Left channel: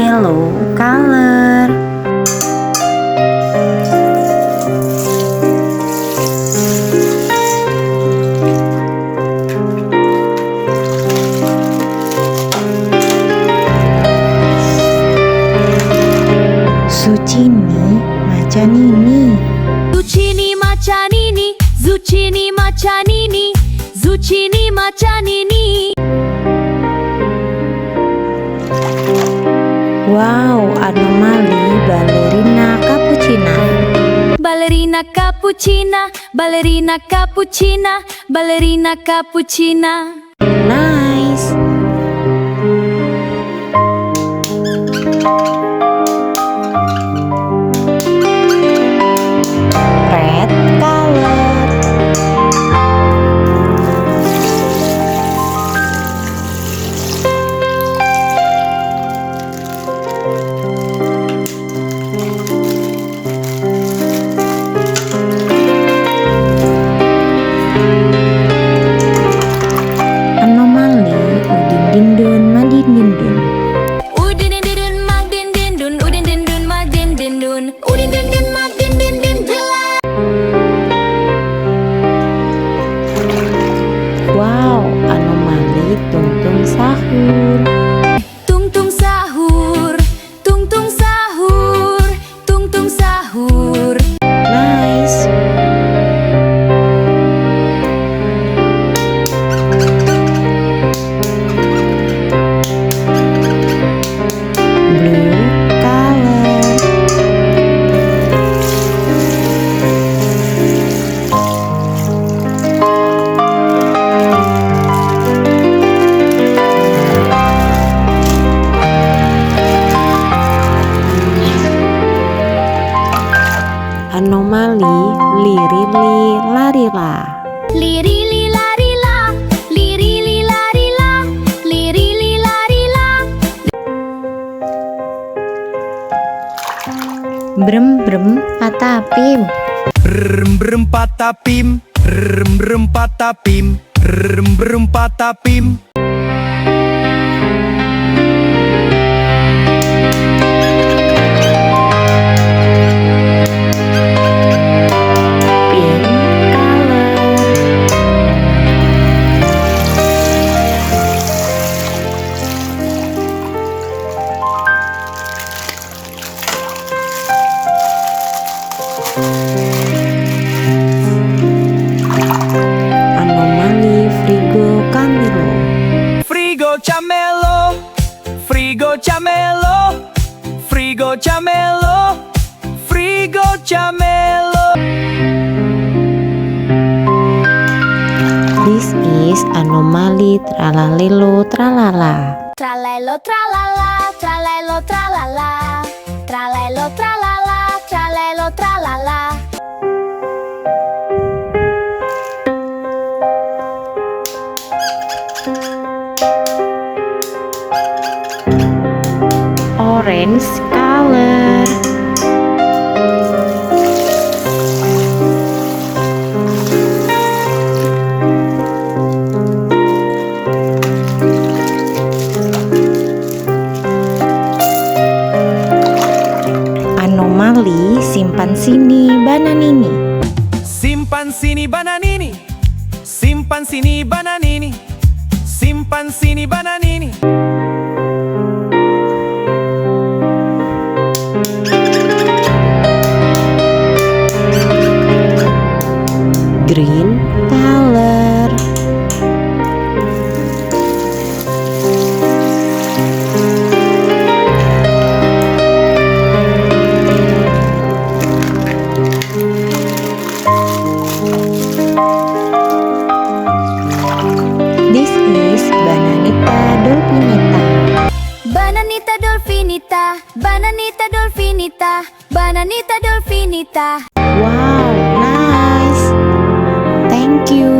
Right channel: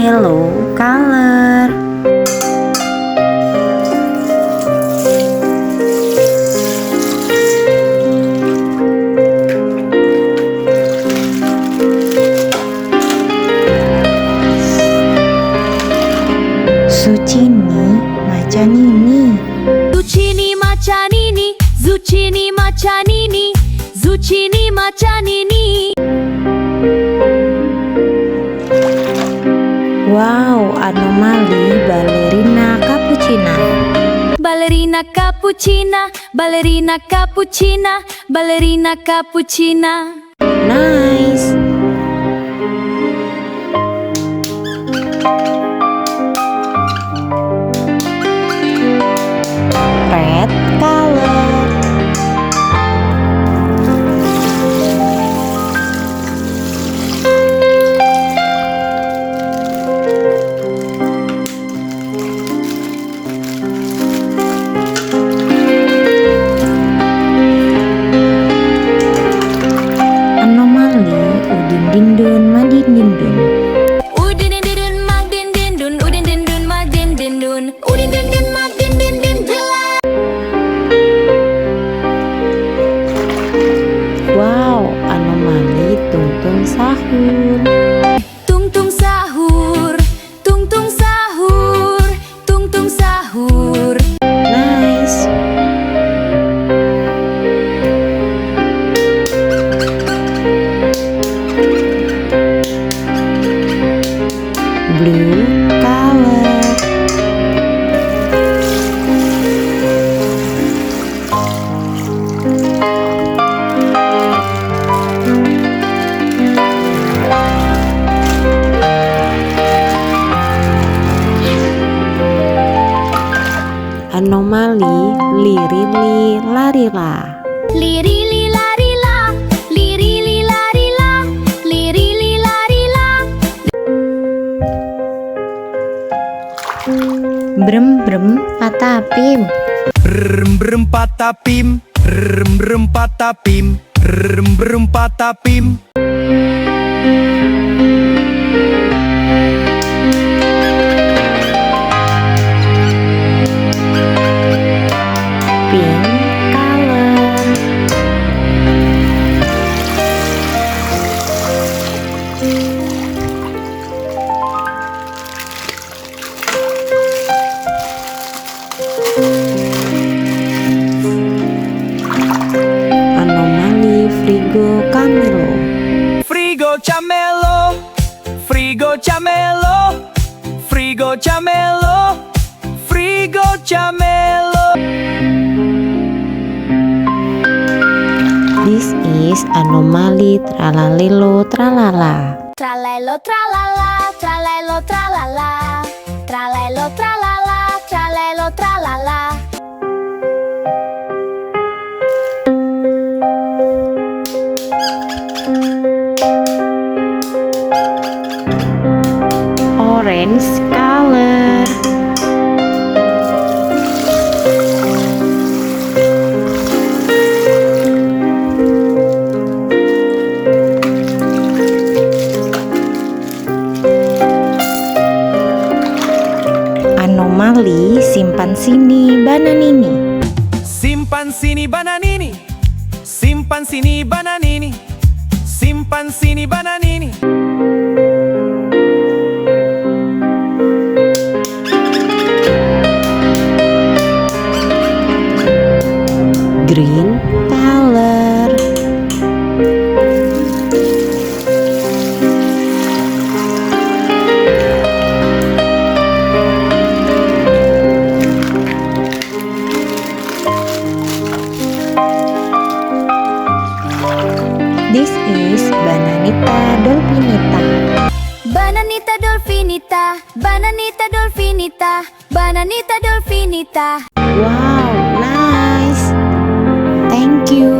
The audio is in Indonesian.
yellow color. Zucchini macanini. Zucchini macanini, zucchini macanini, zucchini macanini. Wow, anomali ballerina cappuccina. Ballerina cappuccina, ballerina cappuccina, ballerina cappuccina. Nice. Red color. Anomali udin dindun madin dindun. Udin dindun magdin dindun, udin dindun magdin dindun, udin dindun magdin dindun jelek. Wow, anomali tungtung sahur. Tung sahur, tung sahur, tung sahur. Nice. Blue color. Anomali lirili larila. Liri li lari la, liri li lari la, liri li lari la. Brem brem patapim. Rem brem patapim, rem brem patapim, rem brem patapim. Pink color. Anomali frigo camelo. Frigo camelo, frigo camelo, frigo camelo, frigo camelo. This is anomali tralalelo tralala. Tralelo tralala, tralelo tralala, tralelo tralala, tralelo tralala. Orange color. Anomali simpan sini bananini. Simpan sini bananini, simpan sini bananini, simpan sini bananini. Green color. This is Bananita dolphinita. Bananita dolphinita, bananita dolphinita, bananita dolphinita. Wow, nice. Thank you.